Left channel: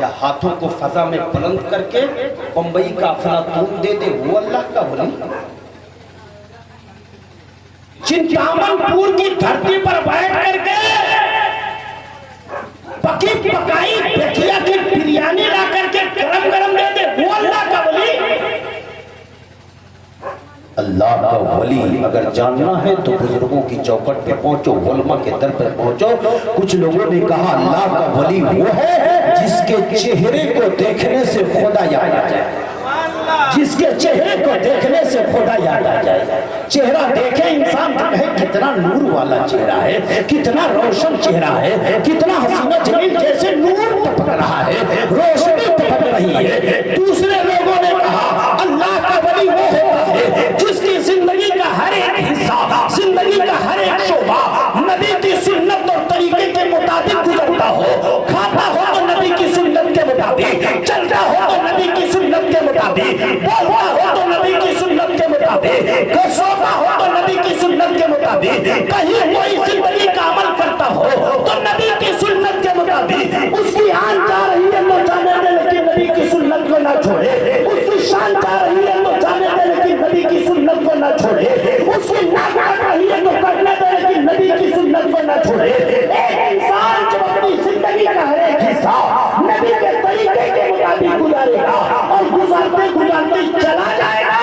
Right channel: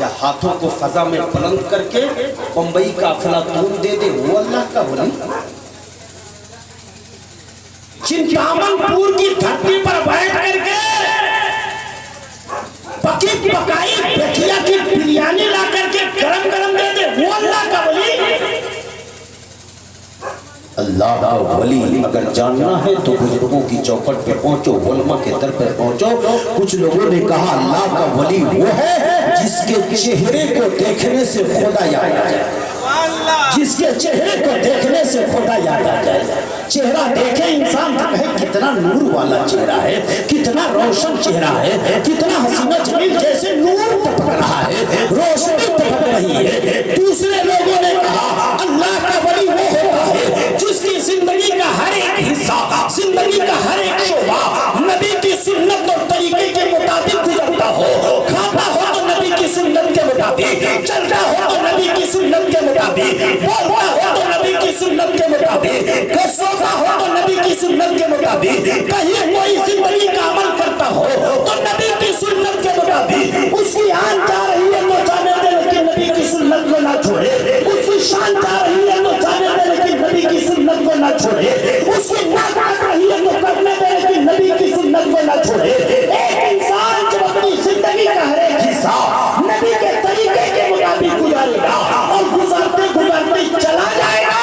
क्या हाथों को फजा में बुलंद करके बंबई का अफलातून दे दे वो अल्लाह का वली? चिंतामनपुर की धरती पर बैठ करके पकी पकाई बेटिया की बिरयानी ला करके गरम गरम दे दे वो अल्लाह का वली? अल्लाह का वली अगर जानना है तो बुजुर्गों की चौखट पे पहुंचो, उलमा के दर पे पहुंचो। कुछ लोगों ने कहा अल्लाह का वली वो है जिसके चेहरे को देखने से खुदा याद आ जाए, जिसके चेहरे को देखने से खुदा याद आ जाए। चेहरा देखे इंसान तो कहे कितना नूर वाला चेहरा है, कितना रोशन चेहरा है, कितना हसीना जमील जैसे नूर टपक रहा है, रोशनी टपक रही है। दूसरे लोगों ने कहा अल्लाह का वली वो होता है जिसकी जिंदगी का हर एक हिस्सा, जिंदगी का हर एक शोबा नबी की सुन्नत और तरीके के मुताबिक गुजरता हो। खाता हो तो नबी की सुन्नत के मुताबिक, चलता हो तो नबी की सुन्नत के मुताबिक, बोलता हो तो नबी की सुन्नत के मुताबिक, सोता हो तो नबी की सुन्नत के मुताबिक, कहीं कोई जिंदगी का अमल करता हो तो नबी की सुन्नत के मुताबिक। उसकी आन जा रही है तो जाने दे लेकिन नबी की सुन्नत को ना छोड़े, उसकी शान जा रही है तो जाने दे लेकिन नबी की सुन्नत को ना छोड़े, उसकी नाक कट रही है तो कटने दे लेकिन नबी की सुन्नत को ना छोड़े। एक इंसान जो अपनी जिंदगी का हर एक हिस्सा नबी के तरीके के मुताबिक गुजारेगा और गुजारते गुजारते चला जाएगा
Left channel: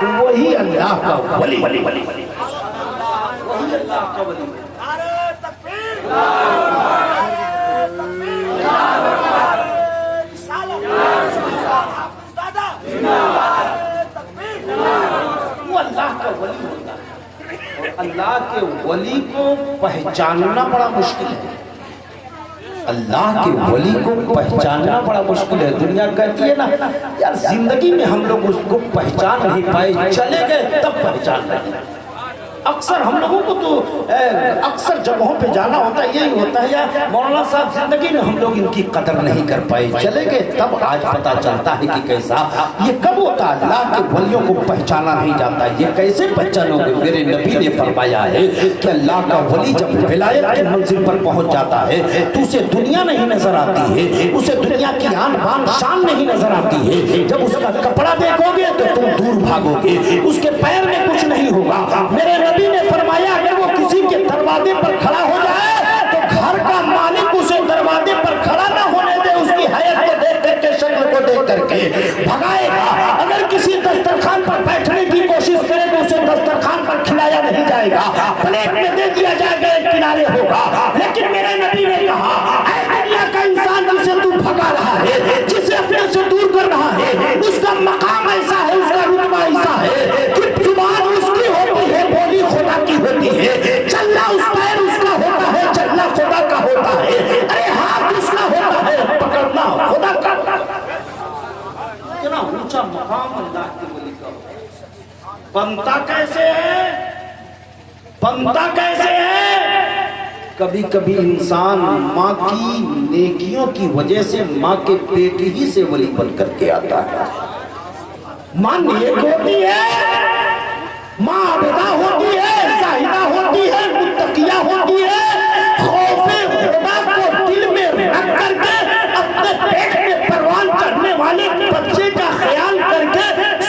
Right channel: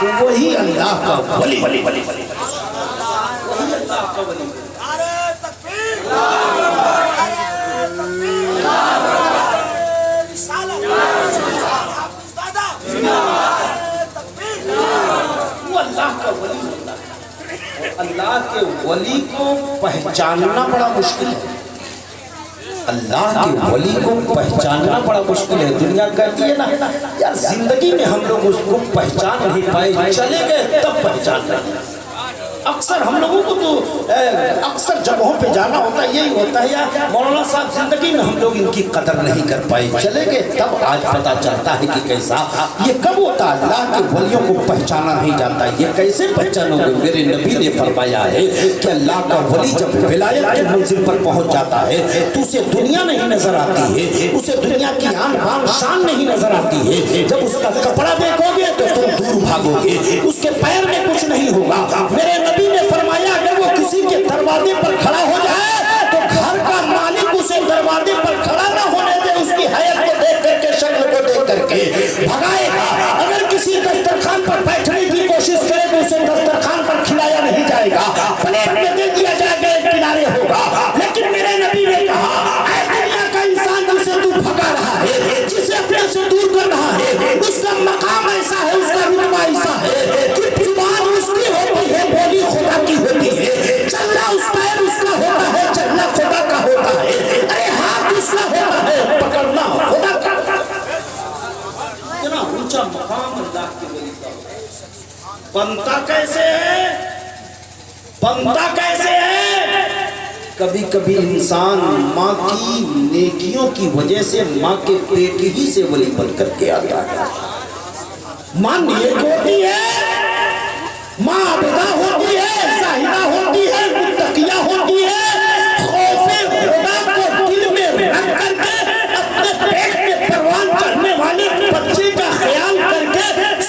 तो वही अल्लाह का वली। वही अल्लाह का वली। नारे तकबीर, नारे तकबीर, नारे रिसालत, हाफिज दादा, नारे तकबीर। वो अल्लाह का वली होता है और अल्लाह के वली को पहचानना बड़ा मुश्किल है। अल्लाह के वली को पहचानना बड़ा मुश्किल है। दुनिया कहती है ना यार जिंदगी में हम लोग उसको पहचान नहीं पाए, चले गए तब पहचान रहे। अक्सर हम लोगों को तो अक्सर जगहों पे जाना होता है, यही होता है यार मौलाना साहब जिंदगी में हम लोग इनकी कदर नहीं कर पाए, चले गए तब आज पता चलता है कि कैसा ये कब होता है। अल्लाह के वलियों को पहचाना नहीं जाता, ये कैसे पहचानोगे? मेरे नबी ने फरमाया है कि अल्लाह का वली जब विलायत की मंजिल पर पहुंच जाता है तो उसे दुनिया नहीं नजर आती है, उसे दुनिया की आन बान शान नहीं नजर आती है। जब उसका कपड़ा देखोगे तो तुम दूर भागोगे, उसके पैर में कुछ नहीं होगा। मेरे नबी ने फरमाया अगर वो किसी के दरवाजे पर खड़ा हो जाए तो घर का मालिक उसे दरवाजे पर खड़ा ना होने दे, उसकी हैत को देख करके, शक्ल को देख करके भगाएगा। अगर किसी दस्तरखान पर बैठने की कोशिश करे तो उसे दस्तरखान पर खिलाया नहीं जाएगा, प्लेट में दे दिया जाएगा, एक किनारे होगा। लेकिन मेरे नबी ने कहा दुनिया का इंसान जिसे तू भगा रहा है, जिसे अपने से दूर कर रहा है, उसका मकाम ऐसा है, उसका रुतबा ऐसा है कि जुबान उसकी होती है, बोली खुदा की होती है, चलना उस पैर उसका होता है, चलना खुदा का होता है, अरे हाथ उसका होता है, पकड़ना खुदा का। इतना ऊंचा मकाम अल्लाह के वली का। बनता कैसे है? बनता कैसे है? कभी कभी इंसान माँ की नेकियों की वजह से माँ के पेट ही से वली बन करके आता है। माँ नेक होती है, माँ अबदा होती है, साहिदा होती है, मुत्तकिया होती है, खौफे खुदा को दिल में रख करके अपने पेट में परवान चढ़ने वाले बच्चे का ख्याल करके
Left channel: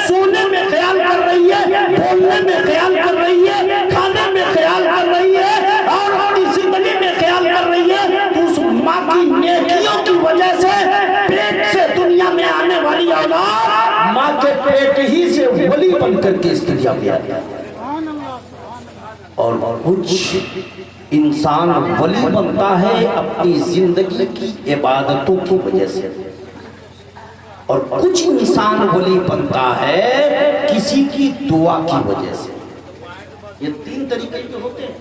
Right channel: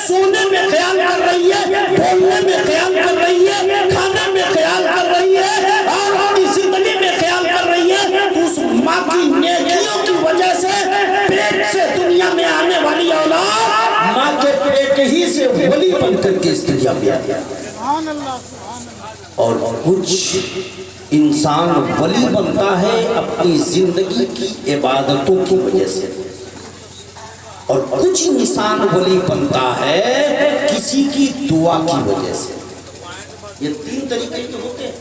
सोने में ख्याल कर रही है, बोलने में ख्याल कर रही है, खाने में ख्याल कर रही है और अपनी जिंदगी में ख्याल कर रही है। उस माँ की नेकियों की वजह से पेट से दुनिया में आने वाली औलाद माँ के पेट ही से वली बन करके इस दुनिया में आ गया। और कुछ इंसान वली बनता है अपनी जिंदगी की इबादतों की वजह से, और कुछ इंसान वली बनता है किसी की दुआ की वजह से। ये तीन तरीके के होते हैं।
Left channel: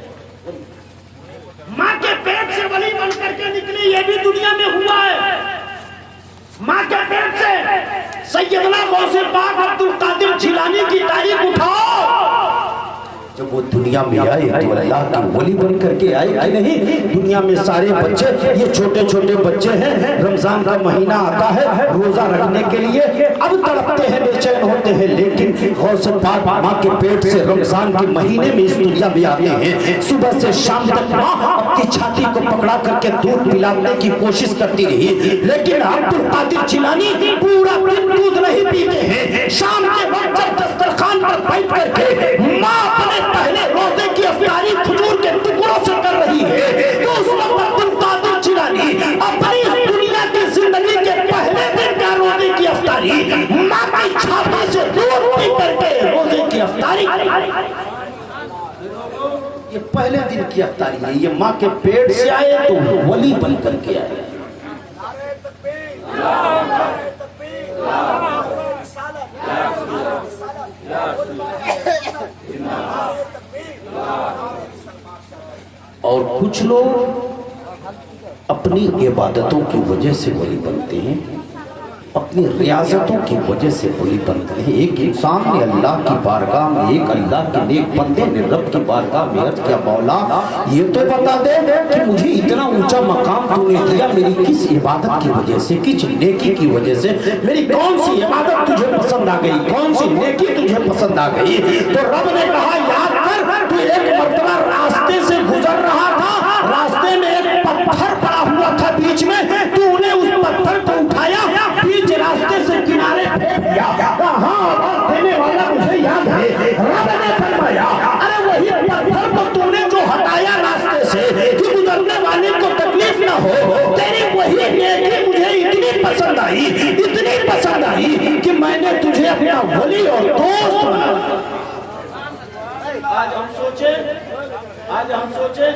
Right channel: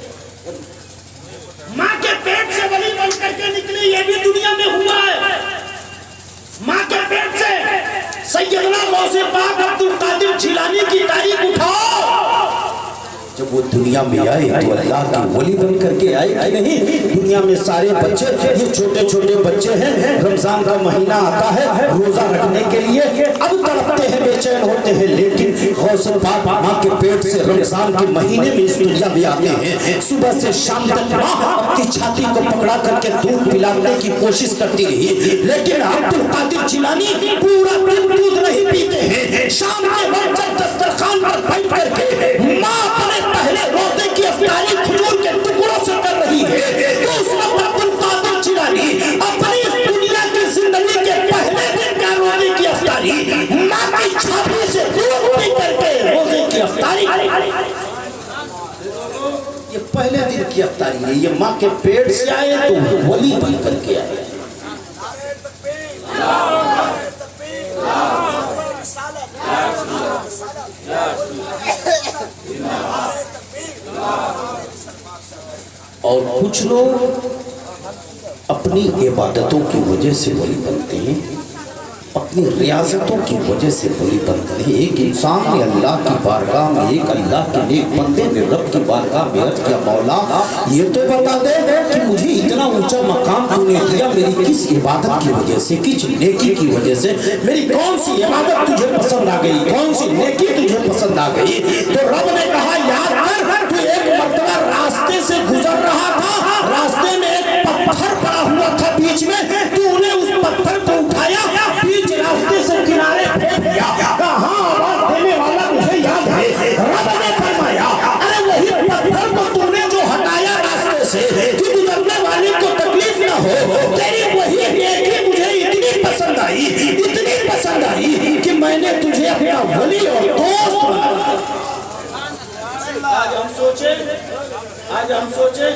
माँ के पेट से वली बन करके निकले, ये भी दुनिया में हुआ है। माँ के पेट से सैयदना गौसे पाक अब्दुल कादिर जिलानी की तारीख उठाओ। जब वो दुनिया में आए तो अल्लाह की वली बन करके आए कि नहीं? दुनिया में सारे बच्चे, ये छोटे छोटे बच्चे हैं, रमजान का महीना आता है, रोजा रखने के लिए अब तड़पते हैं बेचैन होते हैं, लेकिन गौसे पाक माँ के पेट से रमजान के महीने में इस दुनिया में आते हैं। सुबह से शाम तक माँ अपनी छाती को पकड़ा करके दूध पिलाने की कोशिश करती रही, लेकिन अब्दुल कादिर जिलानी पूरा दिन दूध नहीं पीते हैं। शाम के वक्त जब दस्तरखान पर बैठ करके माँ अपने पहले रोजे की अफ्तारी खजूर के टुकड़ों से कर रही है, तो उस वक्त अब्दुल कादिर जिलानी अपनी इस दुनिया की जिंदगी के पहले दिन का रोजे की अफ्तारी माँ की छाती से दूध पी करके रोजे की अफ्तारी, ये पहले दिन की अफ्तारी है। ये माँ के पेट से आए तो वली बन करके आए। नारे तकबीर, नारे तकबीर, नारे रिसालत, नारे रिसालत, नारे तकबीर, नारे रिसालत। और कुछ लोग अपनी इबादतों की वजह से वली बनते हैं, अपनी रियाजतों की वजह से वली बनते हैं। एक इंसान ने अल्लाह की बारगाह में, एक अल्लाह के नेक बंदे ने रब की बारगाह में अर्ज किया, मौला ये तो बता दे कि मुझे इतना ऊंचा मकाम तूने दिया मेरी किस इबादत की वजह से, किस नेकी की वजह से, मेरी कौन सी इबादत तुझे पसंद आ गई, कौन सी नेकी तुझे पसंद आ गई। तो रब ने कहा याद कर, तू एक मरतबा रास्ते से गुजर रहा था, रास्ते में एक पत्थर पड़ा हुआ था बीच में, तूने उस पत्थर को उठाया, बीच रास्ते से किनारे फेंक दिया। कहाँ आवाज देने वाला मुझे याद है, रब ने फरमाया अरे वही पत्थर को तूने जो हटाया रास्ते से कि गुजरने वाले को तकलीफ ना हो, तेरी वही नेकी मुझे इतनी पसंद आई, इतनी पसंद आई कि मैंने तुझे अपना वली और दोस्त बना। आज हम सोचे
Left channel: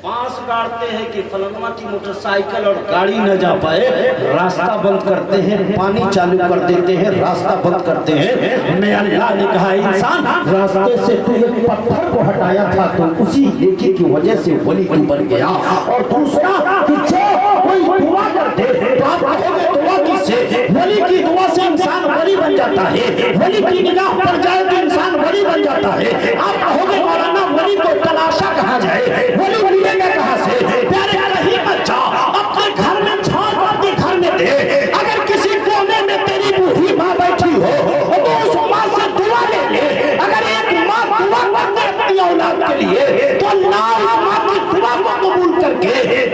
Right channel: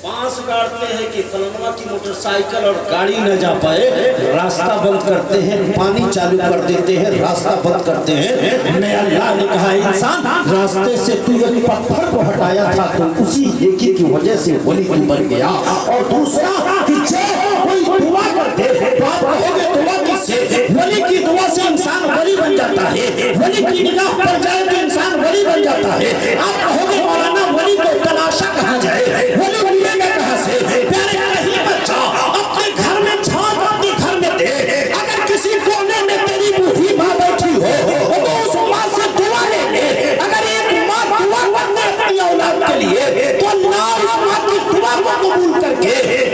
बांस गाड़ते हैं कि फलनवा की मोटरसाइकिल और गाड़ी न जा पाए, रास्ता बंद करते हैं, पानी चालू कर देते हैं, रास्ता बंद करते हैं। मैं अल्लाह ने कहा इंसान रास्ते से तू एक पत्थर को हटाया था तो उसी नेकी की वजह से वली तू बन गया। और दूसरा कि जो कोई दुआ करते तो आप कहोगे दुआ किससे, वली की दुआ से इंसान वली बन जाता है, वली की निगाह पर जाए तो इंसान वली बन जाता है। आप कहोगे मौलाना वली को तलाशा कहाँ जाए, वली कहां से, प्यारे नहीं बच्चा अपने घर में छाप, अपने घर में दे। अगर किसी कोने में तेरी बूढ़ी माँ बैठी हो तो उस माँ से दुआ ले ले। अगर एक माँ दुआ करते अपनी औलाद के लिए तो अल्लाह उस माँ की दुआ को कबूल करके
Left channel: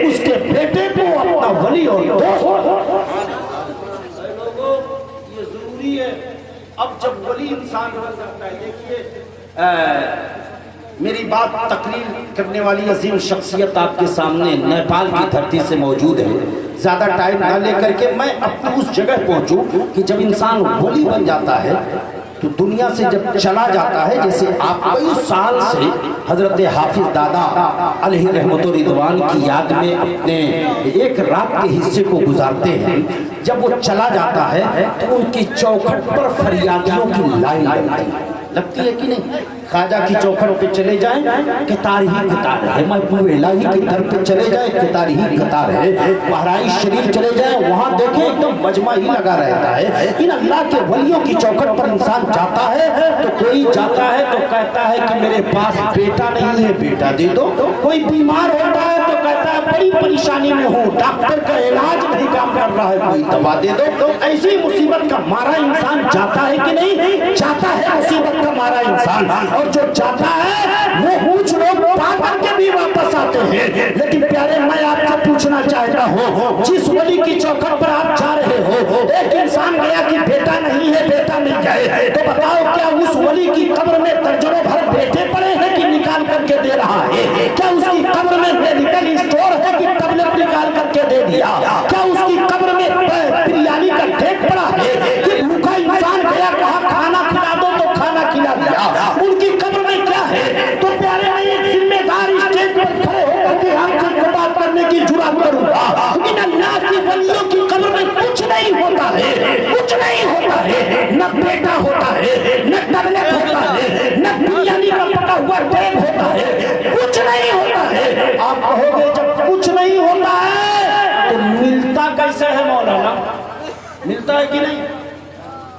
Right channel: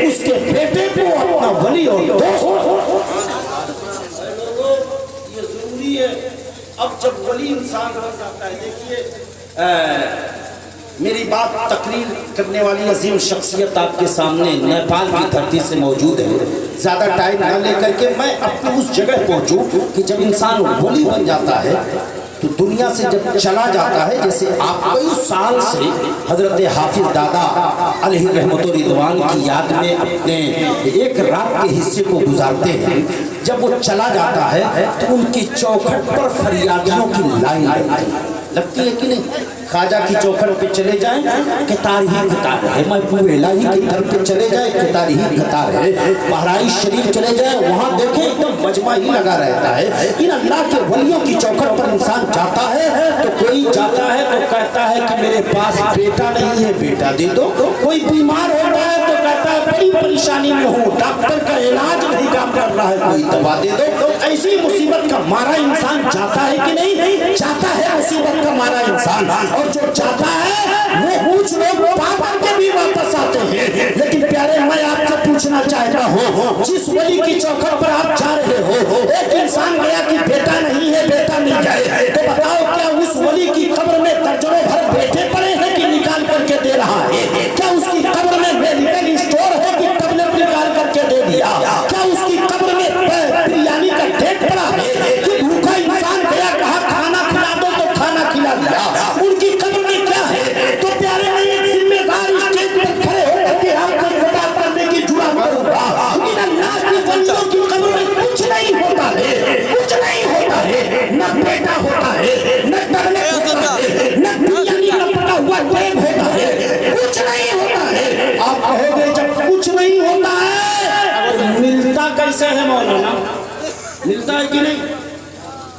उसके बेटे को अपना वली और दोस्त। ये जरूरी है। अब जब वली इंसान बन जाता है, देखिए मेरी बात तकरीर करने वाली अजीम शख्सियत आपके सामने नेपाल की धरती से मौजूद है। ज़्यादा टाइम न लेकर के मैं अपनी उस जगह पहुंचूं कि जब इंसान वली बन जाता है तो दुनिया से जब चला जाता है, जैसे आप कई साल से हजरत हाफिज दादा अलैहि रहमतुर रिदवान की याद में अपने एक रात के हिस्से को गुजारते हैं, जब वो चला जाता है तो उनकी चौखट पर फरियादियों की लाइन लगती है कि नहीं। खाजा की चौखट पे चले जाएं कतार ही कतार है, महबूब इलाही की दर पे चले जाए कतार ही कतार है, बहराइच शरीफ चले जाए वहाँ देखें एकदम मजमा ही लगा रहता है। इन अल्लाह के वलियों की चौखट पर इंसान जाता है तो कोई जाता है तो कहता है कि मेरे पास बेटा नहीं है, बेटा दे दो। कोई बीमार होता है तो कहता है बड़ी परेशानी में हूँ, डॉक्टर का इलाज नहीं काम कर रहा है, कोई दवा दे दो। ऐसी मुसीबत का मारा इंसान जाता है कि नहीं, जाता है मुसीबत का मारा इंसान। और जो जाता है वो कुछ लोग पाकर के भी वापस आते हैं। लेकिन प्यारे मैं आपसे पूछना चाहता हूँ, जिस वली की चौखट पर आप जा रहे हो, एक इंसान गया कि बेटा नहीं है, बेटा मिल जाए, तो बताओ क्या उस वली की कब्र में दर्जनों भर बेटे पड़े हैं कि निकाल करके दे रहा है? क्या उसकी कब्र में मेडिकल स्टोर है कि टैबलेट निकाल करके दे दिया? क्या उसकी कब्र में बिरयानी का ठेक पड़ा है कि भूखा इंसान गया कहा खाना खिला दो तो खाना खिला दिया? उनकी कब्र में क्या है? तो प्यारे मैं एक जिम्मेदार स्टेज पर खड़े होकर के आपसे खिताब करने की जुर्रत करूंगा, इन अल्लाह की वलियों की कब्र में कुछ नहीं होता है, कुछ नहीं होता है। न बेटा होता है, न टैबलेट होता है, न बिरयानी का पका हुआ बैग होता है, कुछ नहीं होता है। आप कहोगे जब कुछ नहीं होता है तो मिलता कैसे है मौलाना? मिलता है कि नहीं?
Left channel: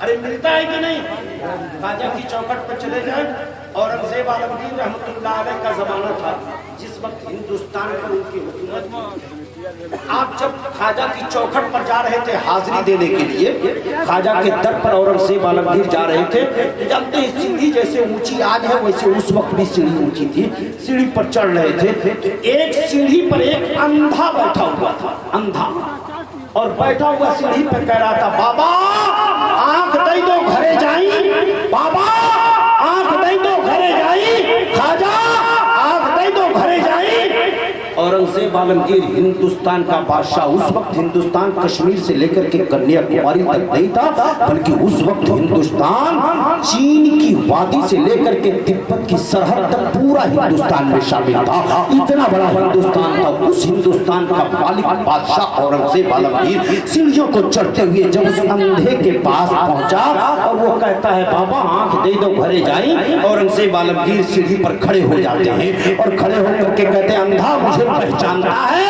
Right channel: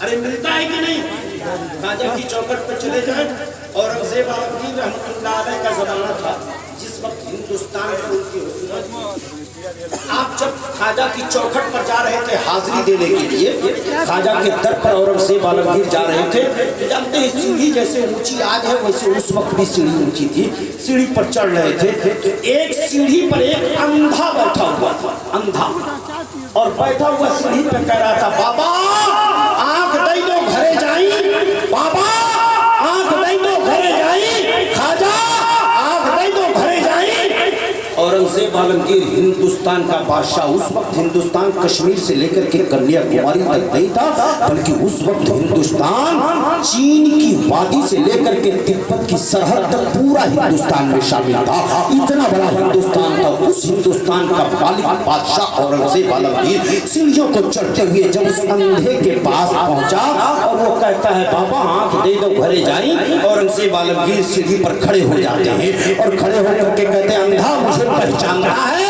अरे मिलता है कि नहीं? खाजा की चौखट पर चले जाए, औरंगजेब आलमगीर रहमतुल्लाह अलैह का जमाना था जिस वक्त हिंदुस्तान पर उनकी हुकूमत थी। आप जब ख्वाजा की चौखट पर जा रहे थे हाजिरी देने के लिए, ख्वाजा के दर पर औरंगजेब आलमगीर जा रहे थे, तो जानते हैं सीढ़ी जैसे ऊंची आज है वैसे उस वक्त भी सीढ़ी ऊंची थी। सीढ़ी पर चढ़ रहे थे तो एक सीढ़ी पर एक अंधा बैठा हुआ था, अंधा, और बैठा हुआ सीढ़ी पर कह रहा था, बाबा आंख दई दो घरे जाई, बाबा आंख दई दो घरे जाई, ख्वाजा आंख दई दो घरे जाई। औरंगजेब आलमगीर हिंदुस्तान का बादशाह, उस वक्त हिंदुस्तान कश्मीर से लेकर के कन्याकुमारी तक नहीं था, बल्कि उस वक्त हिंदुस्तान चीन की वादी से लेकर के तिब्बत की सरहद तक पूरा हिंदुस्तान में शामिल था। इतना बड़ा हिंदुस्तान था। उस हिंदुस्तान का मालिक बादशाह औरंगजेब आलमगीर सीढ़ियों को चढ़ते हुए जब उस अंधे के पास पहुंचा और वो कहता है, बाबा आंख दे दो घरे जाई। औरंगजेब आलमगीर सीढ़ी पर खड़े हो जाते हैं और खड़े होकर के कहते हैं, अंधा मुझे पहचान रहा है?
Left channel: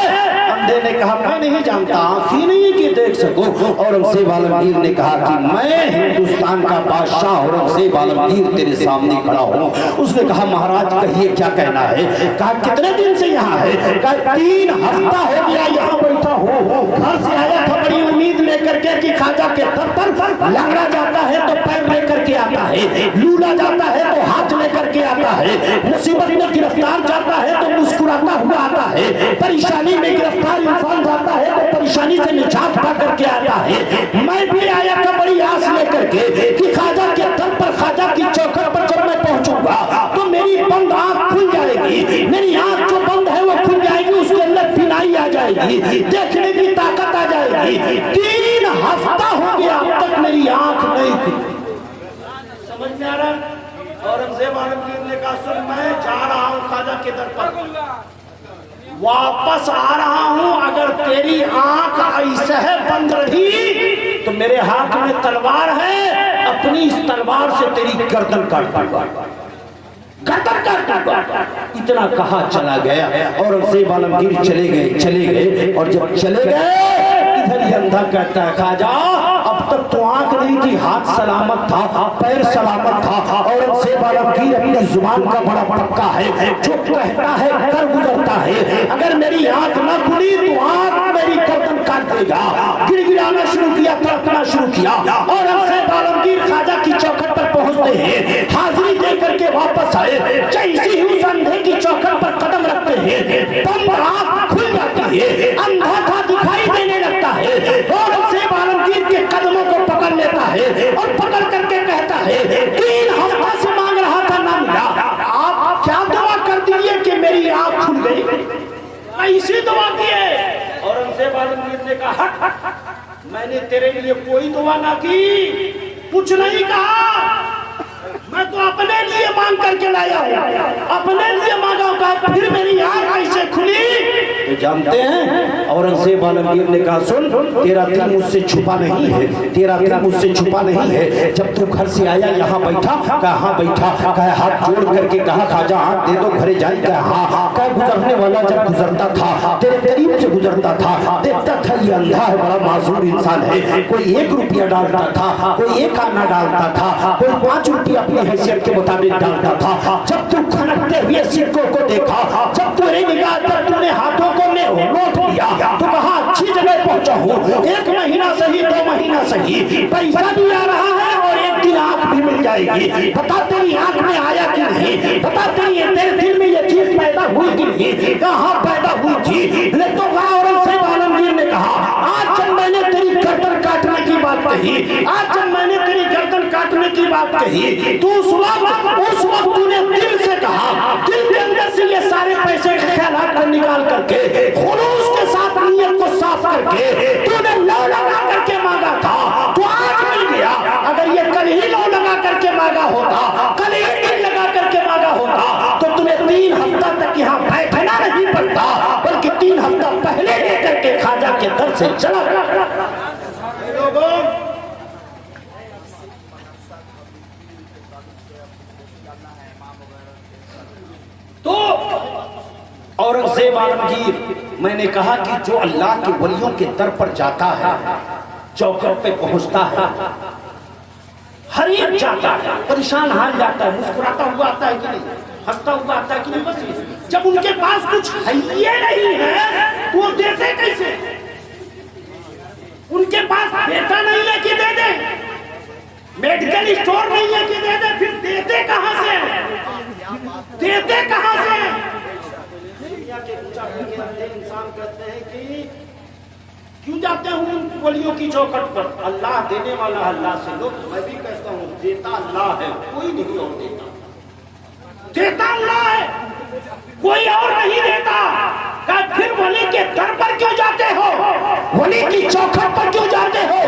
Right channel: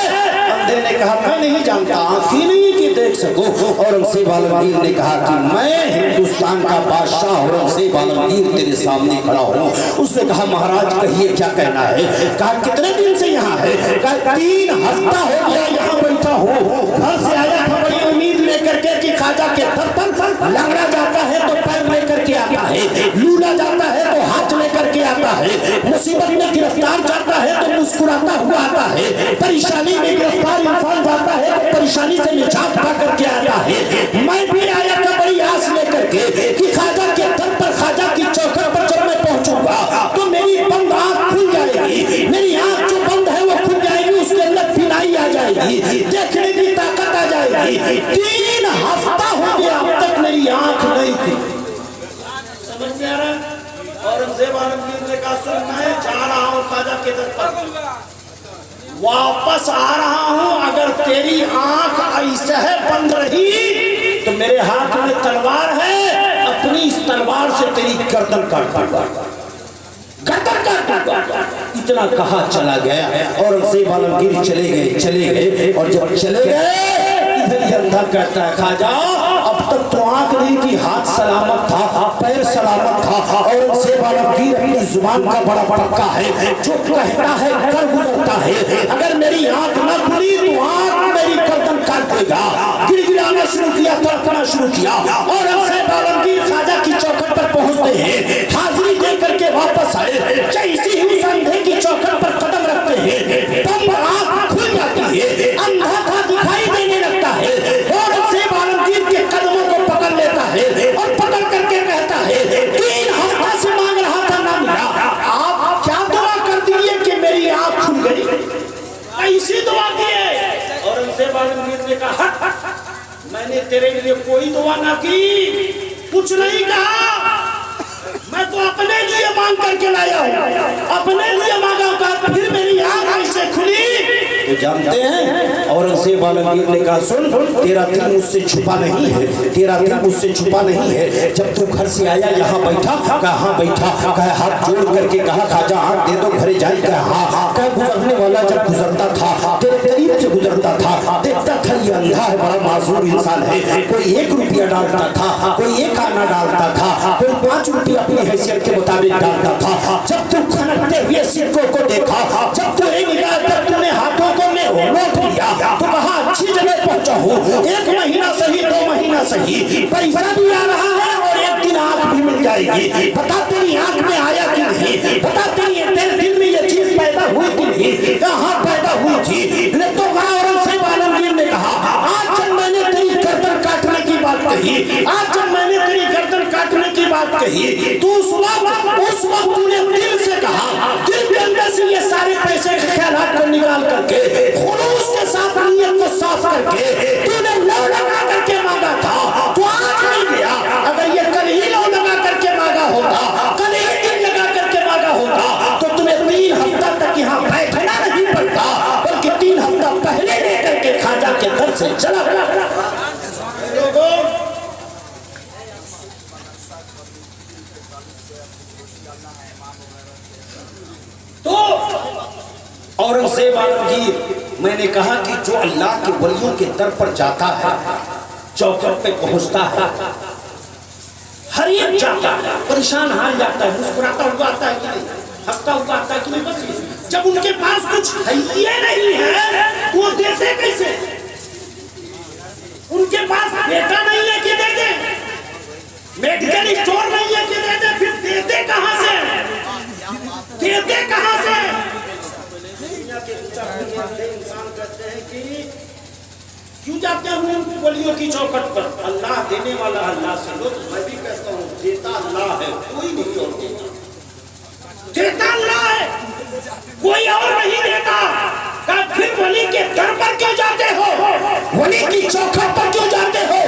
अंधे ने कहा, मैं नहीं जानता, आंख ही नहीं कि देख सको। औरंगजेब आलमगीर ने कहा कि मैं हिंदुस्तान का बादशाह औरंगजेब आलमगीर तेरे सामने खड़ा हूँ। उसने कहा, महाराज कहिए क्या कहना है? कहा, कितने दिन से यहाँ है? कहा, 3 हफ्ता हो गया यहाँ बैठा हूँ। घर से आया था बड़ी उम्मीद लेकर के कि ख्वाजा के दर पर लंगड़ा जाता है तो पैर लेकर के आता है, लूला जाता है तो हाथ लेकर के आता है, मुसीबत में गिरफ्तार जाता है तो मुस्कुराता हुआ आता है, परेशानी में गिरफ्तार इंसान जाता है तो परेशानी से निजात पा करके आता है। मैं भी आया था बड़ी आस लेकर के कि ख्वाजा के दर पर, ख्वाजा की चौखट पर जब मैं पहुंचूंगा तो मेरी बंद आंख खुल जाएगी, मेरी आंख जो बंद है वो खुल जाएगी, उसके अंदर फिनाई आ जाएगी, देखने की ताकत आ जाएगी। 3 हफ्ता हो गया अब तक मेरी आंख नहीं थी। समझ में आ रहा? औरंगजेब आलमगीर ने कहा, सुन मैं जा रहा हूँ ख्वाजा के दर पर, वापस आ रहा हूँ, अगर तेरी आंख ऐसे है बंद रही तो मेरे हाथ में तलवार है, अपनी इस तलवार से तेरी गर्दन काट दूंगा, गर्दन काट दूंगा। इतना कहा चला गया। औरंगजेब आलमगीर चले गए और जब चले गए इधर ही अंधा कहता है, ख्वाजा अब तक तो आंख नहीं थी, हाथ सलामत था, पैर सलामत था। औरंगजेब आलमगीर अपनी जुबान का बड़ा पक्का है, जो कहता है कर गुजरता है। अगर मेरी आंख न खुली तो आंख मेरी गर्दन काट देगा। गिड़गिड़ाना शुरू किया, तड़पना शुरू किया। औरंगजेब आलमगीर ख्वाजा की चौखट पर पहुंचते हैं, हाजिरी दे करके वापस आए। जैसे ही उस अंधे की चौखट पर कदम रखते हैं तब आंख खुल जाती है, अंधा था दिखाई देने लगता है। औरंगजेब आलमगीर के कदमों को पकड़ लेता है और पकड़ करके कहता है, 3 हफ्ता से मांग रहा था ना मिला, आप क्या दुआ कर दिए कि मेरी आंख खुल गई? ऐसी दुआ की है। औरंगजेब आलमगीर ने कहा, मैंने तेरे लिए कोई दुआ ना की, कुछ नहीं कहा, मैं तो अपने लिए मांग करके लाया हूँ, अपने लिए मांगा होगा, फिर मेरी आंख ऐसे खुली। तो जानते हैं औरंगजेब आलमगीर ने कहा, सुन तेरा दिल मुझसे छुपा नहीं है, तेरा दिल मुझसे छुपा नहीं है। जब तू घर से आया यहाँ बैठा? कहा हाँ बैठा। कहा हाथ जोड़ करके कहा, ख्वाजा आंख दे दो घरे जाए? कहा हाँ। कहा गुजरने वाला जब गुजरता था तेरे करीब से गुजरता था, देखता था ये अंधा है, बड़ा मासूम इंसान है, कोई 1 रुपया डालता था, कोई 1 आना डालता था, कोई 5 रुपया अपनी हैसियत के मुताबिक डालता था। जब तू खनकते हुए सिक्कों को देखा, जब तेरी निगाह तक तूने हाथों को नोट लिया तो कहा अच्छी जगह पहुंचा हूँ, 1 महीना सही 2 महीना सही, पैसा भी आ रहा है और एक दिन आंख भी मिल जाएगी। बता तेरी आंख में आया कि नहीं? बता तेरे दिल में ये चीज पैदा हुई कि नहीं? कहाँ पैदा हुई थी? तो औरंगजेब आलमगीर ने कहा, आज जब मैंने तेरी गर्दन काटने की बात कही, आज जब मैंने तेरी गर्दन काटने की बात कही, तो उस वक्त तूने दिल से कहा, दिल के अंदर से ये सारे पैसे के ख्यालात को निकाल करके, खुलूस के साथ नीयत को साफ करके तूने लौ लगा करके मांगा था, तो आज मिल गया। अगर ये कल ही लौ लगा करके मांगा होता, कल ही दिन लगा करके मांगा होता, तो तुम्हें 3 हफ्ता तक यहाँ बैठना नहीं पड़ता, बल्कि 3 हफ्ता पहले लेकर के ख्वाजा के दर से चला गया। तो औरंगजेब आलमगीर, मैंने कहा कि जो अल्लाह के वलियों के दर पर जाता है, चौखट पे पहुंचता है, हर एक जाता है, परेशान हाल जाता है, मुस्कुराता हुआ आता है कि नहीं, हंसता हुआ आता है कि नहीं? बस जब उनके पास कुछ है नहीं है वो देते कैसे? उनके पास बेटा नहीं है कि दे दे, मेडिकल स्टोर नहीं है कि दे दे, फिर देते कहां से? देते कहां से? दुनिया के इंसान कहते हैं कि क्यों जाते हैं उन वलियों की चौखट पर? अल्लाह देने वाला अल्लाह से लो। मैं भी कहता हूँ देता अल्लाह है, कोई नहीं और देता। देता अल्लाह है, कोई और नहीं देता। फिर वली के दर पर क्यों जाते हो? वली की चौखट पर क्यों जाते हो?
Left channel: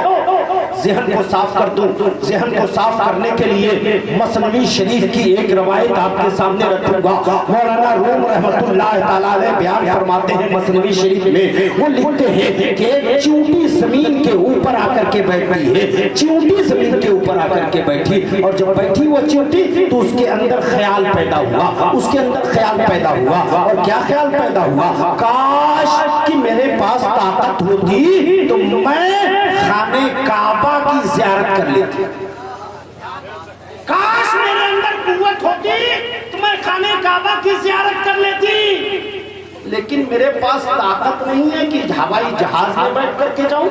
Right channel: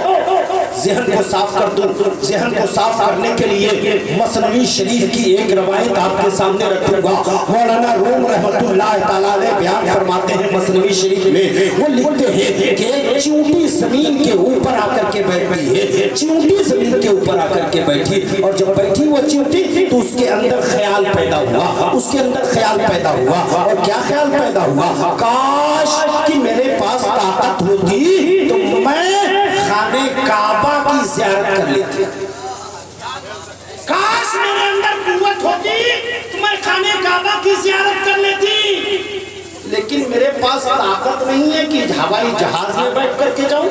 ज़हन को साफ कर दूं। ज़हन को साफ करने के लिए मसनवी शरीफ की एक रवायत आपके सामने रखूंगा। मौलाना रूम रहमतुल्लाह तआला अलैह बयान फरमाते हैं मसनवी शरीफ में, वो लिखते हैं कि एक चींटी जमीन के ऊपर आकर के बैठी है। चींटी जमीन के ऊपर आकर के बैठी, और जब बैठी वो चींटी तो उसके अंदर ख्याल पैदा हुआ। उसके अंदर ख्याल पैदा हुआ, और क्या ख्याल पैदा हुआ? काश कि मेरे पास ताकत होती तो मैं खाने काबा की ज़ियारत कर लेती। काश मेरे अंदर कुव्वत होती तो मैं खाने काबा की ज़ियारत कर लेती। लेकिन मेरे पास ताकत नहीं है कि हवाई जहाज में बैठ करके जाऊं।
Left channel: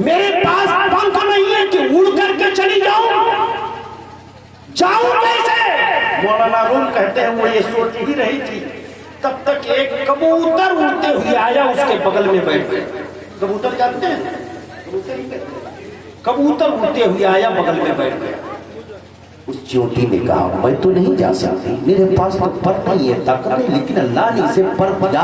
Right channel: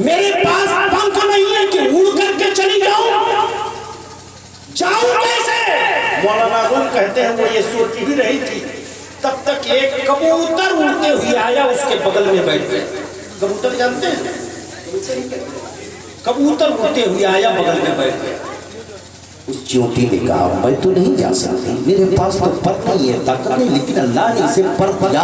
मेरे पास पंख नहीं है कि उड़ करके चली जाऊं। जाऊं कैसे? मौलाना रूम कहते हैं वो ये सोच ही रही थी, तब तक एक कबूतर उड़ते हुए आया, उसके बगल में बैठ गया। कबूतर जानते हैं? कबूतर उड़ते हुए आया, बगल में बैठ गया। उस चींटी ने कहा मैं तो नहीं जा सकती, मेरे पास तो पर नहीं है, ताकत नहीं, लेकिन अल्लाह ने इसे पर दिया,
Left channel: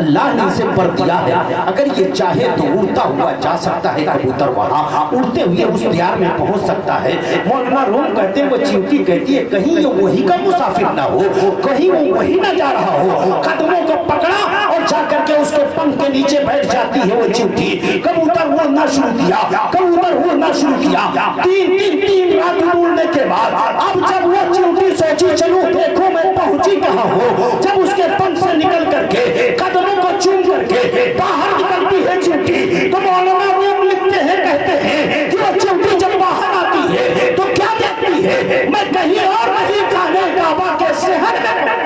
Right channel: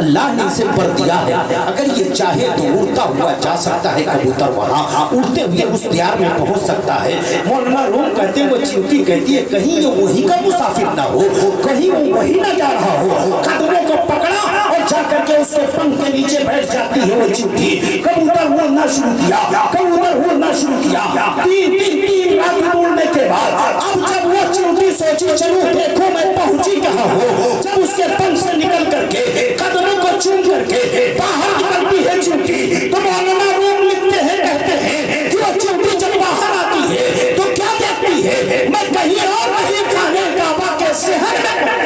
अल्लाह ने इसे पर दिया है। अगर ये चाहे तो उड़ता हुआ जा सकता है कबूतर, वहाँ उड़ते हुए उस दियार में पहुंच सकता है। मौलाना रूम कहते हैं वो चींटी कहती है कहीं ये वही का मुसाफिर ना हो, कहीं वो वही ना जा रहा हो। कदमों को पकड़ा और जा करके उसके पंख के नीचे बैठ जाती है वो चींटी। कबूतर उड़ना शुरू किया, कबूतर उड़ना शुरू किया। तीन रात उड़ने के बाद अब जब वो चींटी सोची चलो देखो मैं पहुंची कहाँ हो, जब उसके पंख से निकल करके कदमों को चूम करके बाहर निकलती है चींटी, तो मौलाना रूम लिखते हैं, कहते हैं कि वो चींटी जब बाहर आती है तो क्या देखती है? मैं कहीं और नहीं, खाने काबा के शहर में,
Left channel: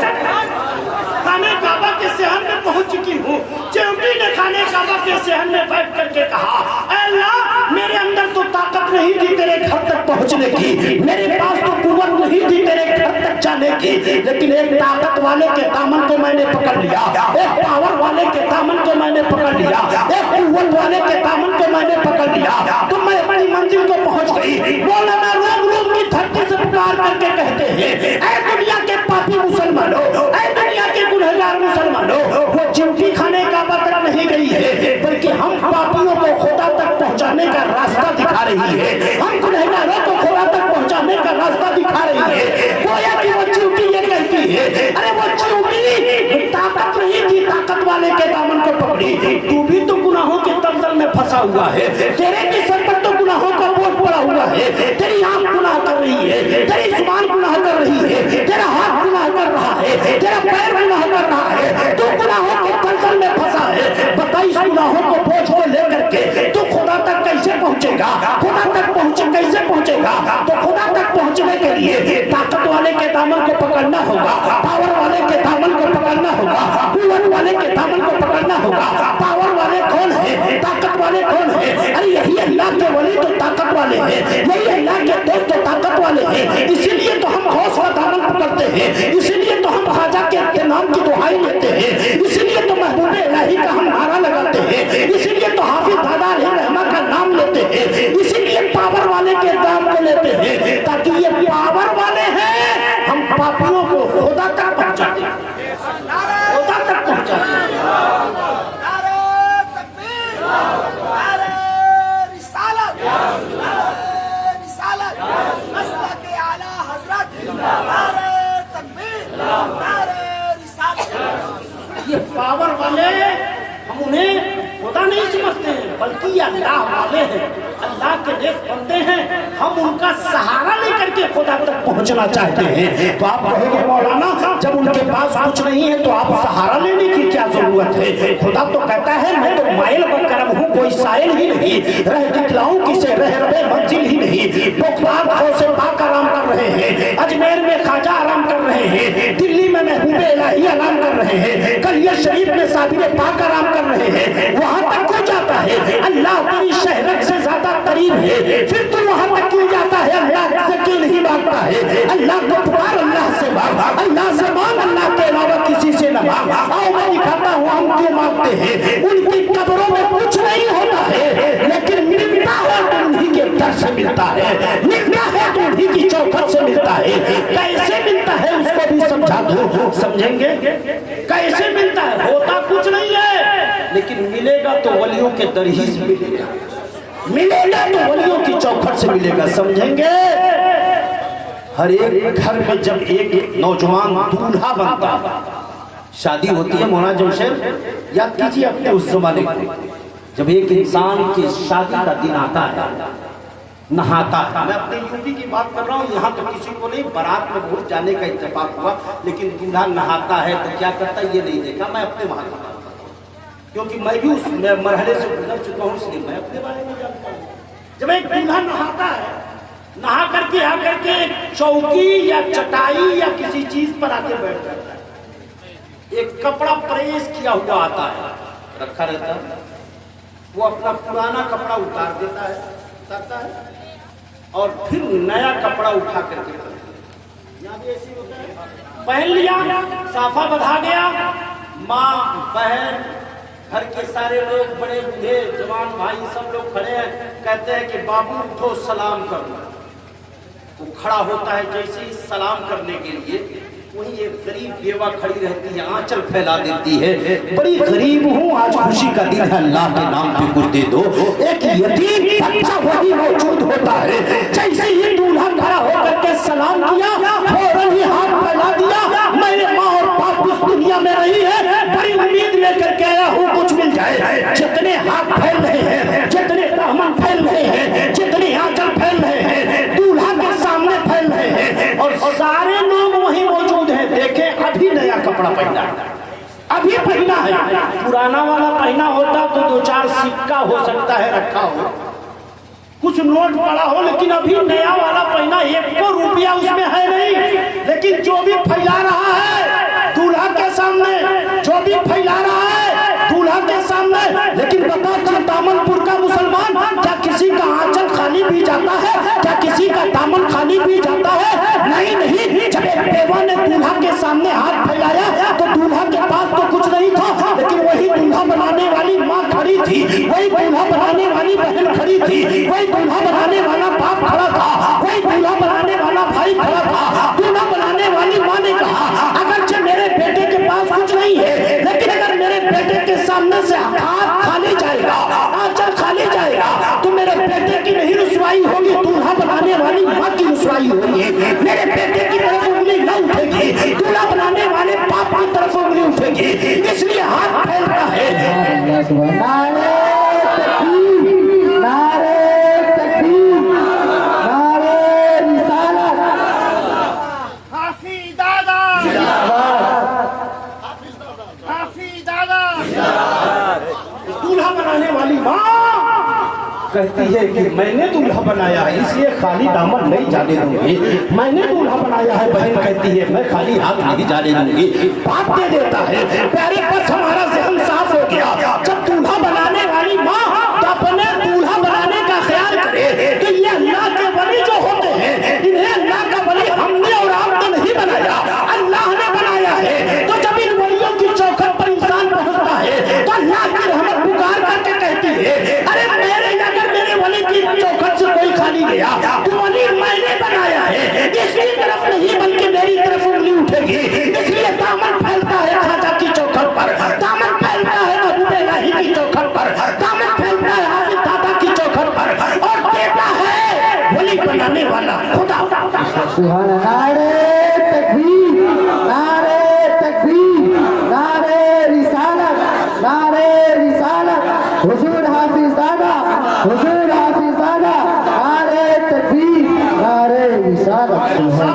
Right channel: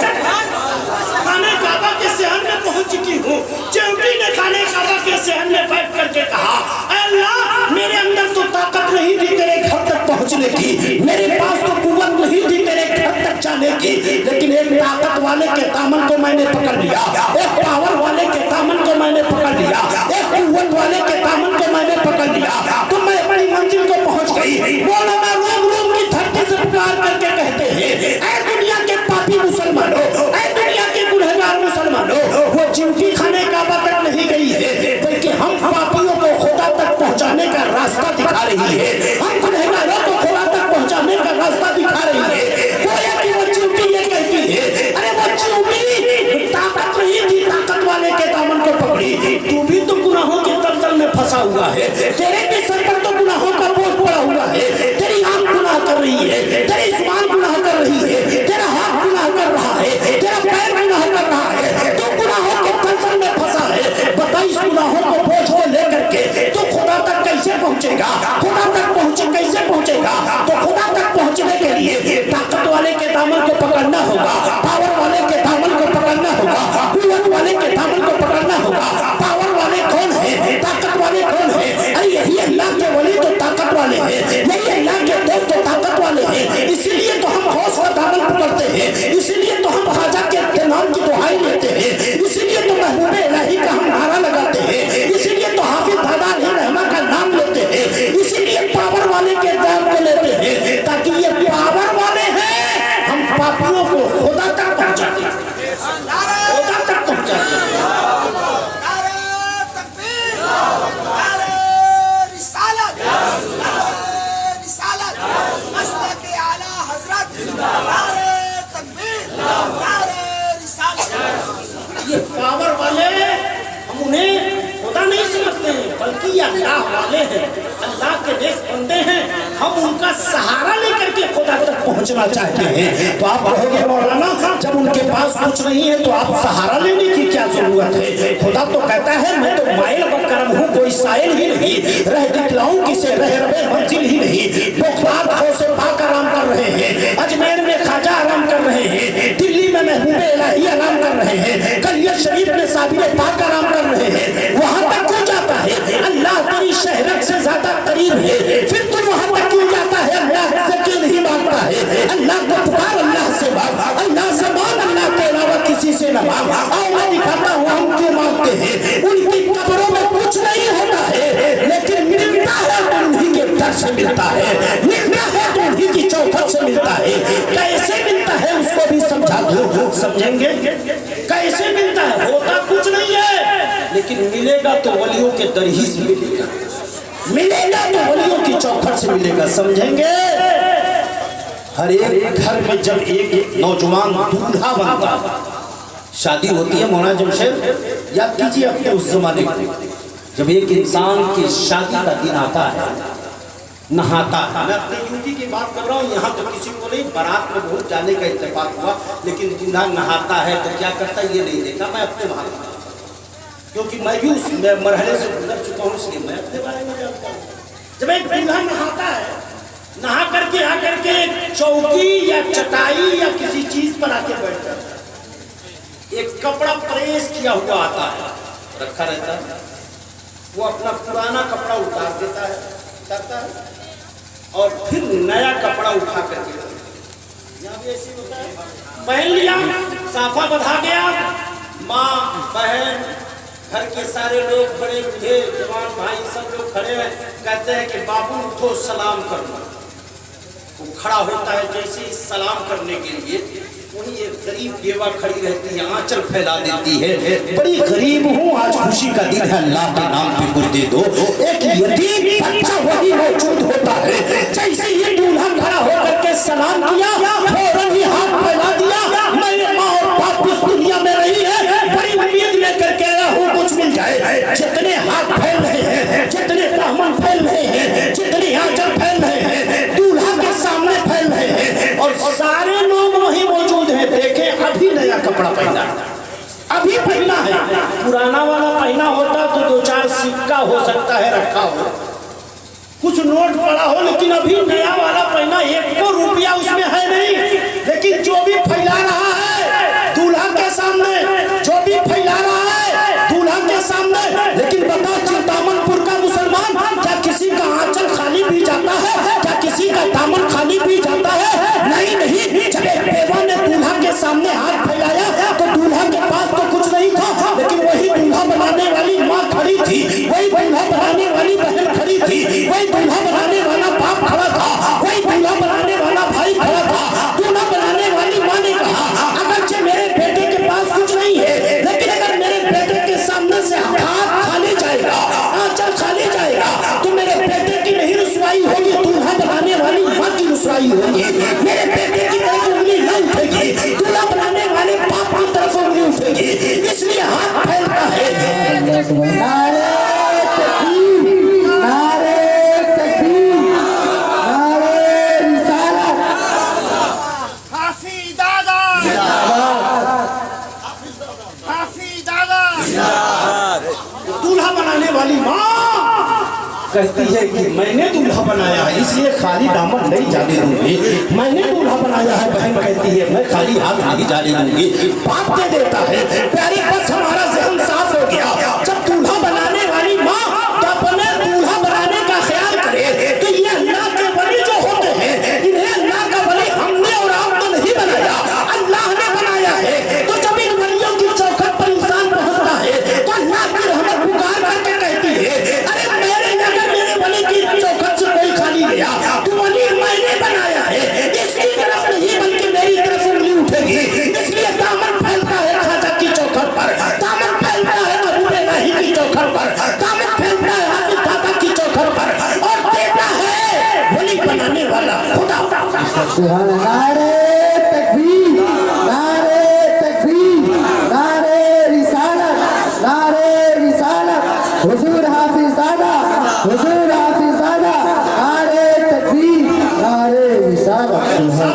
खाने काबा के शहर में पहुंच चुकी हूँ। चींटी ने खाने काबा के शहर में बैठ करके कहा अल्लाह मेरे अंदर तो ताकत नहीं थी तेरे घर तक पहुंचने की, मेरे पास तो कुव्वत नहीं थी तेरे घर तक जाने की, लेकिन एक ताकत वाले के दामन को मैंने पकड़ लिया, एक पावर वाले के दामन को मैंने पकड़ लिया, एक कुव्वत वाले के दामन को मैंने पकड़ लिया, तो मैं अपनी मंजिल को पहुंच गई। मौलाना रूम की धरती से पुकार करके कहते हैं ऐ दुनिया के पापी मुसलमानों, ऐ दुनिया के गुनहगार मुसलमानों, वो चींटी खाने काबा तक नहीं गई है, बल्कि हम पापियों को खुदा तक पहुंचाने का रास्ता दिखा रही है, हम गुनहगारों को खुदा तक पहुंचाने का रास्ता दिखा रही है। गोया कि वो चींटी ये कहती है अरे वो चींटी ताकत नहीं थी, ताकत वाले के दामन को पकड़ी, तू भी तो गुनाहों के दलदल में फंसा हुआ है, तेरे भी सर पर तो गुनाहों का बोझ पड़ा हुआ है, तेरी आंख गुनाह कर रही है, तेरी जुबान गुनाह कर रही है, तेरा हाथ गुनाह कर रहा है, तेरा पैर गुनाह कर रहा है, तू गुनाहों के दलदल में फंसा है। बता इस गुनाहों को बोझ को लेकर के तू खुदा तक कैसे पहुंचेगा? खुदा तक कैसे पहुंचेगा? तो खुदा तक पहुंचने के लिए ताकत वाले के दामन को पकड़ना होगा, पावर वाले के दामन को पकड़ना होगा, कुव्वत वाले के दामन को पकड़ना होगा। पावर वाले कौन है? ताकत वाले कौन है? अरे यही अल्लाह के वली तो ताकत वाले हैं, यही अल्लाह के दोस्त तो ताकत वाले हैं। इसीलिए तो हम हौसला दामन पकड़ते हैं, इसीलिए तो हम खाजा के नाम की दुहाई लेते हैं, इसीलिए तो महबूब इलाही का हम नारा लगाते हैं, इसीलिए तो हाफिज दादा रहमा का नाम लेते हैं, इसीलिए पावर वाले के नाम को लेते हैं, ताकि ये पावर वाले हैं हम पापियों को खुदा तक पहुंचाते हैं, खुदा तक पहुंचाते हैं। नारे तकबीर, नारे रिसालत, नारे रिसालत, मसलक आला हजरत, नारे तकबीर, नारे रिसालत। ये पावर वाले हम उन्हें खुदा नहीं समझते हैं, बल्कि ये अल्लाह वाले हैं, अल्लाह के नेक बंदे हैं, हम उनका सहारा लेकर के खुदा तक पहुंचना चाहते हैं। तो आप कहोगे मौलाना जब उनके पास कुछ नहीं है तो आप सहारा लेने की क्या जरूरत है? खुदा तो कहता है मैं तो माइल बकरम हूँ, कोई साइल ही नहीं, रह दिखलाऊं किसे रह मंजिल ही नहीं। बगदाद से पाक आराम कर रहे हैं, अजमेर में खाजा आराम कर रहे हैं, दिल्ली में महबूब इलाही आराम कर रहे हैं, कलिया शरीफ में साबिर पाक आराम लेकिन मिलेगा तो वलियों के दर ही से मिलेगा, मिलेगा तो वलियों की चौखट से मिलेगा। समझेंगे? हर एक घर में जब एक नौजवान दूल्हा बनता है, शादी होती है, मौलाना जमशेद याद कीजिए अपने उस जमाने को, जब एक इंसान की शादी का दिन आता है, नहाता है। मैं अपने यूपी की बात कर रहा हूँ, यहाँ तो किसी को नहीं, बारात में बहुत जाने का इत्तेफाक हुआ, लेकिन दूल्हा नहाता है तो क्या करता है ये नहीं देखा। मैं अपने वहाँ का बात करता हूँ, क्योंकि मैं भी उस मरहले से गुजर चुका हूँ, इसलिए मैं अपने बारे में जानता हूँ। जब एक दूल्हा नहाता है, नहा करके आकर के चौकी या चटाई या किसी चीज पर आके बैठ जाता है, एक कपड़ा प्रेस किया हुआ आता है, रखा रहता है, वो अपना पुराना कपड़ा उतार देता है, उतारता है, और फिर नया कपड़ा उठा करके, यहाँ भी ऐसी होता है, पहन लिया, साफा बंधा गया, माँ बहन घर के सारे लोग, बड़े बूढ़े जवान भाई सब लोग खड़े हैं, कहते हैं कि बाबू उठो सलाम कर लो। वो खड़ा होता है, जैसे ही सलाम करने के लिए वही एक गरीब बेवा खड़ी रहती है, आंचल फैला देती है, बड़ी गरीब हूँ, आज खुशी का दिन है, अल्लाह के नाम पे कुछ दे दो। एक यतीम बच्चा वही मौजूद होता है, जैसे ही दूल्हा खड़ा होकर के सलाम किया, फौरन ही हाथ फैला दिया, मेरे माँ और बाप इस दुनिया में नहीं है, बड़ी उम्मीद लेकर के आया हूँ कुछ मिल जाए। जितने हाथ फैल रहे हैं, जितने ब्राह्मण फैल रहे हैं, जितने आंचल फैल रहे हैं, दूल्हा के सामने फैल रहे हैं, और सारे लोग वही मौजूद हैं। देखे अभी नया कपड़ा पहना, अभी पहना है, पुराना वाला पहना होता तो 2-4 सिक्का हो सकता है रखा हो, कुछ नोट पड़ा हो, लेकिन अभी नया वाला पहना, 1 रुपया उसमें है नहीं, लेकिन जो भी फैला रहा है दूल्हा के सामने, जो भी फैला रहा है दूल्हा के सामने। लेकिन बता, चिंतामनपुर का मुसलमान क्या किसी का आंचल खाली भी जाता है? क्या किसी का दामन खाली भी जाता है? नहीं नहीं। जब एक बेवा ने दूल्हा के सामने हाथ फैलाया तो दूल्हा के पास तो कुछ नहीं था, लेकिन वही दूल्हा बनाने वाली माँ खड़ी थी, वही दूल्हा बनाने वाली बहन खड़ी थी, वही दूल्हा बनाने वाला बाप खड़ा था, वही दूल्हा बनाने वाला भाई खड़ा था। दूल्हा बनाने वाली माँ ने कहा, अगर मेरे बेटे के पास कुछ नहीं है, लेकिन अगर मेरे बेटे के सामने से हाथ खाली जाएगा, आंचल खाली जाएगा, तो मेरे बेटे की नहीं रुसवाई होगी, दूल्हा बनाने वाली माँ की रुसवाई होगी। मेरे बेटे की तरफ उंगली न उठेगी, दूल्हा बनाने वाले बाप की तरफ उंगली उठेगी, इसलिए हाथ फैलता है। दूल्हा बनाने वाली माँ कहती है कि मैंने दूल्हा बनाया है, इसलिए खाली दामन नहीं जाने दूंगी, मैंने दूल्हा बनाया है। बहन कहती है मैं खाली हाथ नहीं जाने दूंगी। बाप दे देता है, प्यारे बस हमारा ज़हन साफ हो गया। जब दूल्हा बनाने वाली माँ तो अपने दूल्हा बनाने का ख्याल करे कि ये अल्लाह के वली जो होते हैं, इन्हें अल्लाह का वली हमने और आपने नहीं बनाया, अल्लाह ने बनाया है। तो जब इन वलियों की चौखट पर इंसान पहुंचता है तो अल्लाह की रहमत पुकार करके कहती है, अरे मेरे वली की चौखट से कोई खाली गया, तो वली मैंने बनाया है, इसकी तरफ नहीं बल्कि मेरी तरफ उंगली उठेगी। इसलिए दामन फैलता है खाजा की चौखट पर, दामन फैलता है महबूब इलाही की चौखट पर, दामन फैलता है हाफिज दादा की चौखट पर, और देता है वली बनाने वाला खुदा। हुजूर हाफिज दादा, हुजूर हाफिज दादा, नारे तकबीर, नारे रिसालत।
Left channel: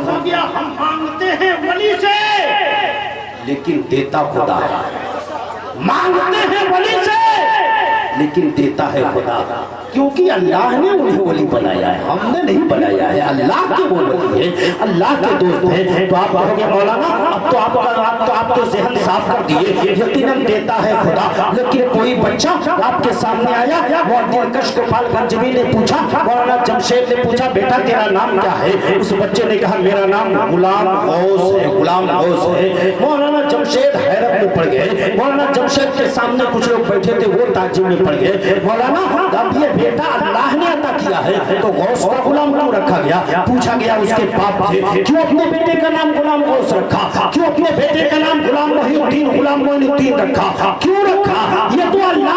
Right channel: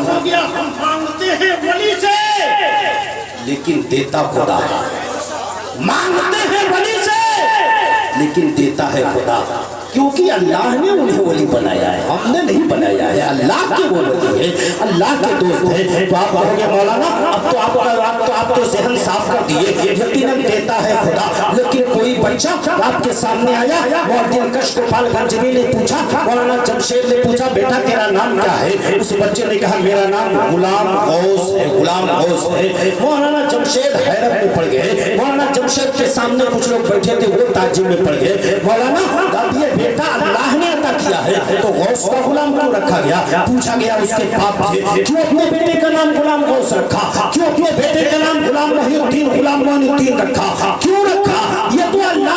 हो गया, हम मांगते हैं वली से, लेकिन देता खुदा। मांगते हैं वली से, लेकिन देता है खुदा, क्योंकि अल्लाह ने उन्हें वली बनाया है, हमने नहीं बनाया है। अल्लाह के वो वली है, अल्लाह के दोस्त है। तो आप कहोगे मौलाना अब तो आप तो ज़हन साफ कर दिए, यकीनन देता है खुदा। लेकिन कोई बच्चा आपके सामने आया, मुअद्दिन कश गोपालगंज ने पूछा, मौलाना जमशेद ने पूछा बेटा तेरा नाम क्या है? उस बच्चे ने कहा मेरा नाम गुलाम गौस है, गुलाम गौस है। मौलाना जमशेद हैरत में पड़ गए। मौलाना जमशेद के सामने कुछ लोग बैठे थे, वो ताज्जुब में पड़ गए। मौलाना ये बेटा अल्लाह ने अता किया है तो गौस का गुलाम क्यों रखा गया? पूछा गया उसके बाप से, क्यों अपने बेटे का नाम गुलाम गौस रखा? क्यों अपने बेटे का नाम गुलाम मोहिउद्दीन, गुलाम मोइनुद्दीन रखा? क्यों रखा? ये तो अल्लाह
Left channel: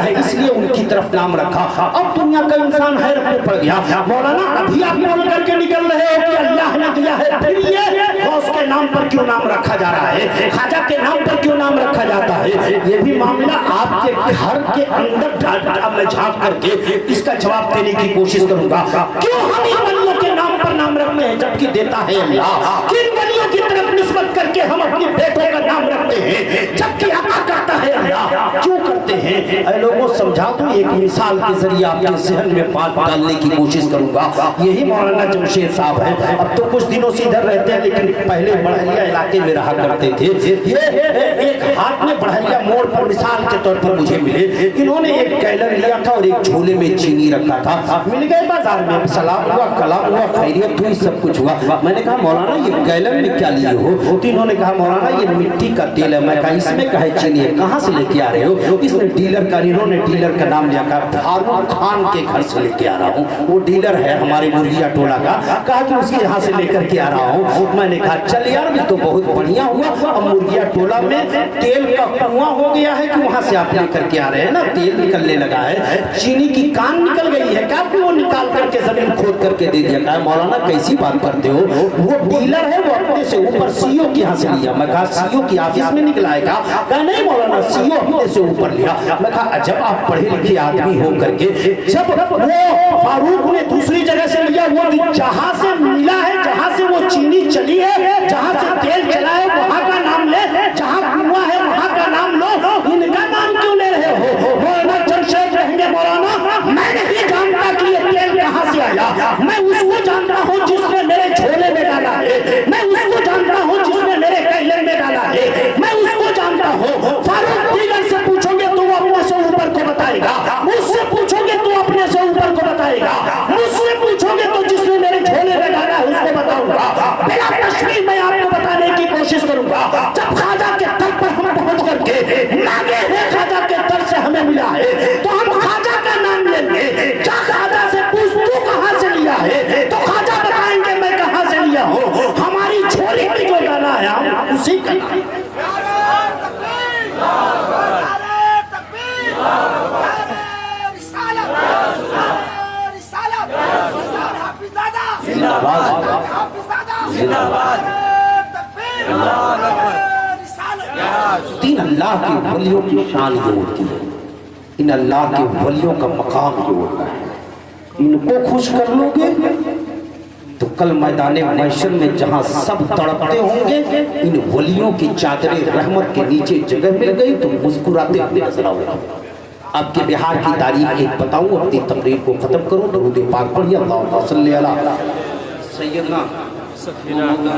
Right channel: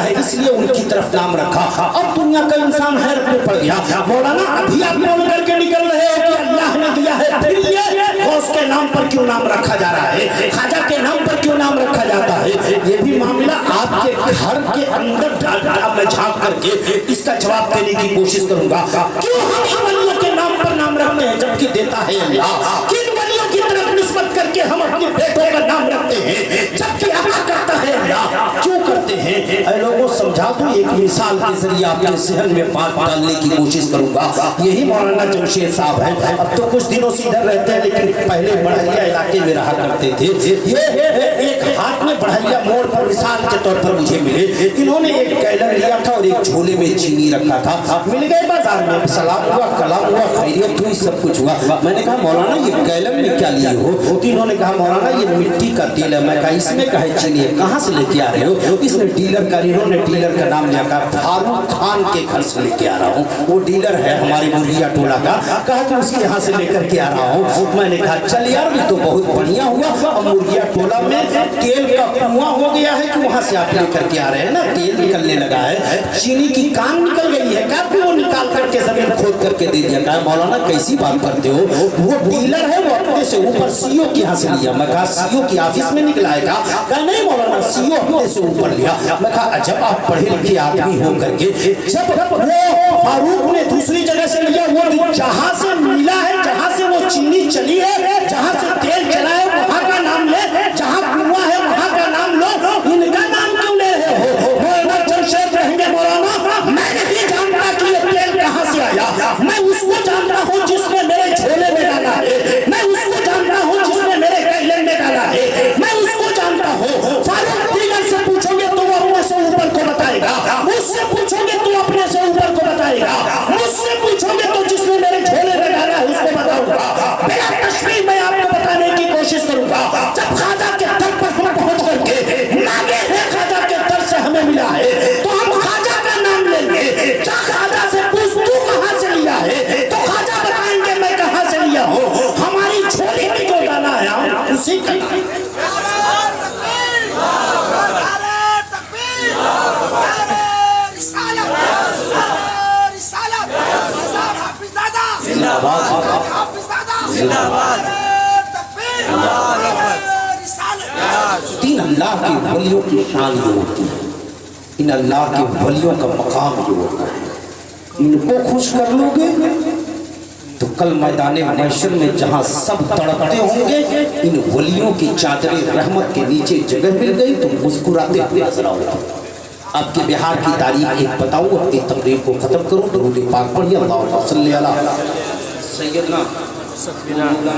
गया है इसलिए उनकी तरफ नाम रखा। अब दुनिया का इंसान हैरत में पड़ गया। मौलाना अभी आप बोल करके निकल रहे हैं कि अल्लाह ने दिया है, फिर ये गौस के नाम पर क्यों नाम रखा जा रहा है, खाजा के नाम पर क्यों नाम रखा जाता है? ये भी मामला आपके घर के अंदर मैं झांक करके इसका जवाब देने की कोशिश करूंगा। क्यों हम इन वलियों के नाम पर नाम रखते हैं जबकि देता है अल्लाह? किन वलियों की तरफ निस्बत करके हम अपने बेटे का नाम रखते हैं जबकि अता करता है अल्लाह? क्यों करते हैं? ऐ लोगों समझा तो एक मिसाल के जरिए आपके जहन में बात डालने की कोशिश करूंगा। यही मौलाना जमशेद साहब है। अब तो कुछ दिनों से इधर रहते हैं लेकिन पहले बढ़िया इलाके में रहा करते थे। ये एक हाथ में बढ़िया मोड़ पर मिसाल के तौर पर मुझे मिले। इन्होंने एक गैलन लिया था और एक झोले में चीनी रखा था। मिल गए बाजार में, सलाम हुआ, कलाम हुआ, खैरियत हुई, सब कुछ हुआ। मैंने कहा मौलाना ये गैलन में क्या लिए हो? तो इन्होंने कहा मौलाना ये मिट्टी का तेल है। मैं कहा इसमें कहे चीनी है, कहाँ से लेके आ रहे हो? इसमें डीलर का, इन्होंने डीलर का नाम लिया, कहा फारूक खान के घर से लेके आ रहा हूँ। वो डीलर है हमारे मुर्गिया टोला का। कहा कि उसके यहाँ से लेकर के आ रहा हूँ। मैंने कहा चल यार भी तो बहुत बढ़िया हुआ। अब मुर्गिया टोला में तेल का कुआं हो गया है कि वहाँ से आप लेकर के आ रहे हैं ना, तेल निकलने लगा है। चीनी की कान निकल गई है क्या? वो निकाल करके जमीन खोद करके दे दिया। कहा मौलाना कैसी बात करते हो? वो डीलर है, वो अपने से ऊपर सीईओ के यहाँ से लिया। मैं कहा सीईओ की ऑफिस में निकला है? कहा नहीं मौलाना सीईओ अपने से ऊपर लिया। मैं कहा जब आप पढ़े लिखे आदमी हो करके, जब वो फारूक ने दूसरी जगह से लिया, वो जहाँ से मिला है, जहाँ से वो चीनी चली है, जहाँ से तेल चला है वहाँ का नाम ले, जहाँ कुआं है वहाँ का नाम लो। इनका नाम क्यों ले रहे हो? वो जमशेद रहेंगे मौलाना, मैं नहीं जानता कि ये तेल कहाँ से आया। मैं उसको जानता हूँ जिसने मेरे झोले में डाला है। मैं उसको जानता हूँ जिसने मेरे गैलन में डाला है। मैं उसको जानता हूँ। फारूक दीगर से पूछोगे तो वो अपने से ऊपर को बताएगा, मुझसे पूछोगे तो अपने से ऊपर को बताएगा, मुझसे पूछोगे तो जिसने मेरे झोले में डाला है उसको बताऊंगा। बिना तशरीह मैं आपको बताने की कोशिश करूंगा। जब खाजा के दर पर हम पहुंच करके मांगे हैं, खाजा के दर से हमें मिला है तो हम खाजा का नाम लेंगे। क्या खाजा से पूछ तू कहाँ से लिया है तो खाजा बताएंगे मैं कहाँ से लिया हूँ। हमारी झोली में जो डाला है हम उसी का तीन अल्लाह के वलियों की शान जो होती है, इन अल्लाह के वलियों का मकाम जो होता है, इनको खुश कर लोगे तो कल मैदाने महशर में जहां सब तड़पते होंगे, इन वलियों की चादरे रहमत के नीचे जगह मिल गई तो मुस्कुराते हुए नजर आओगे। आपके बिहार की तारीख एक बताऊं, अपनी तकरीर को खत्म करूं। दरूद पाक पढ़िए, अल्लाहुम्मा सल्ली अला सय्यदना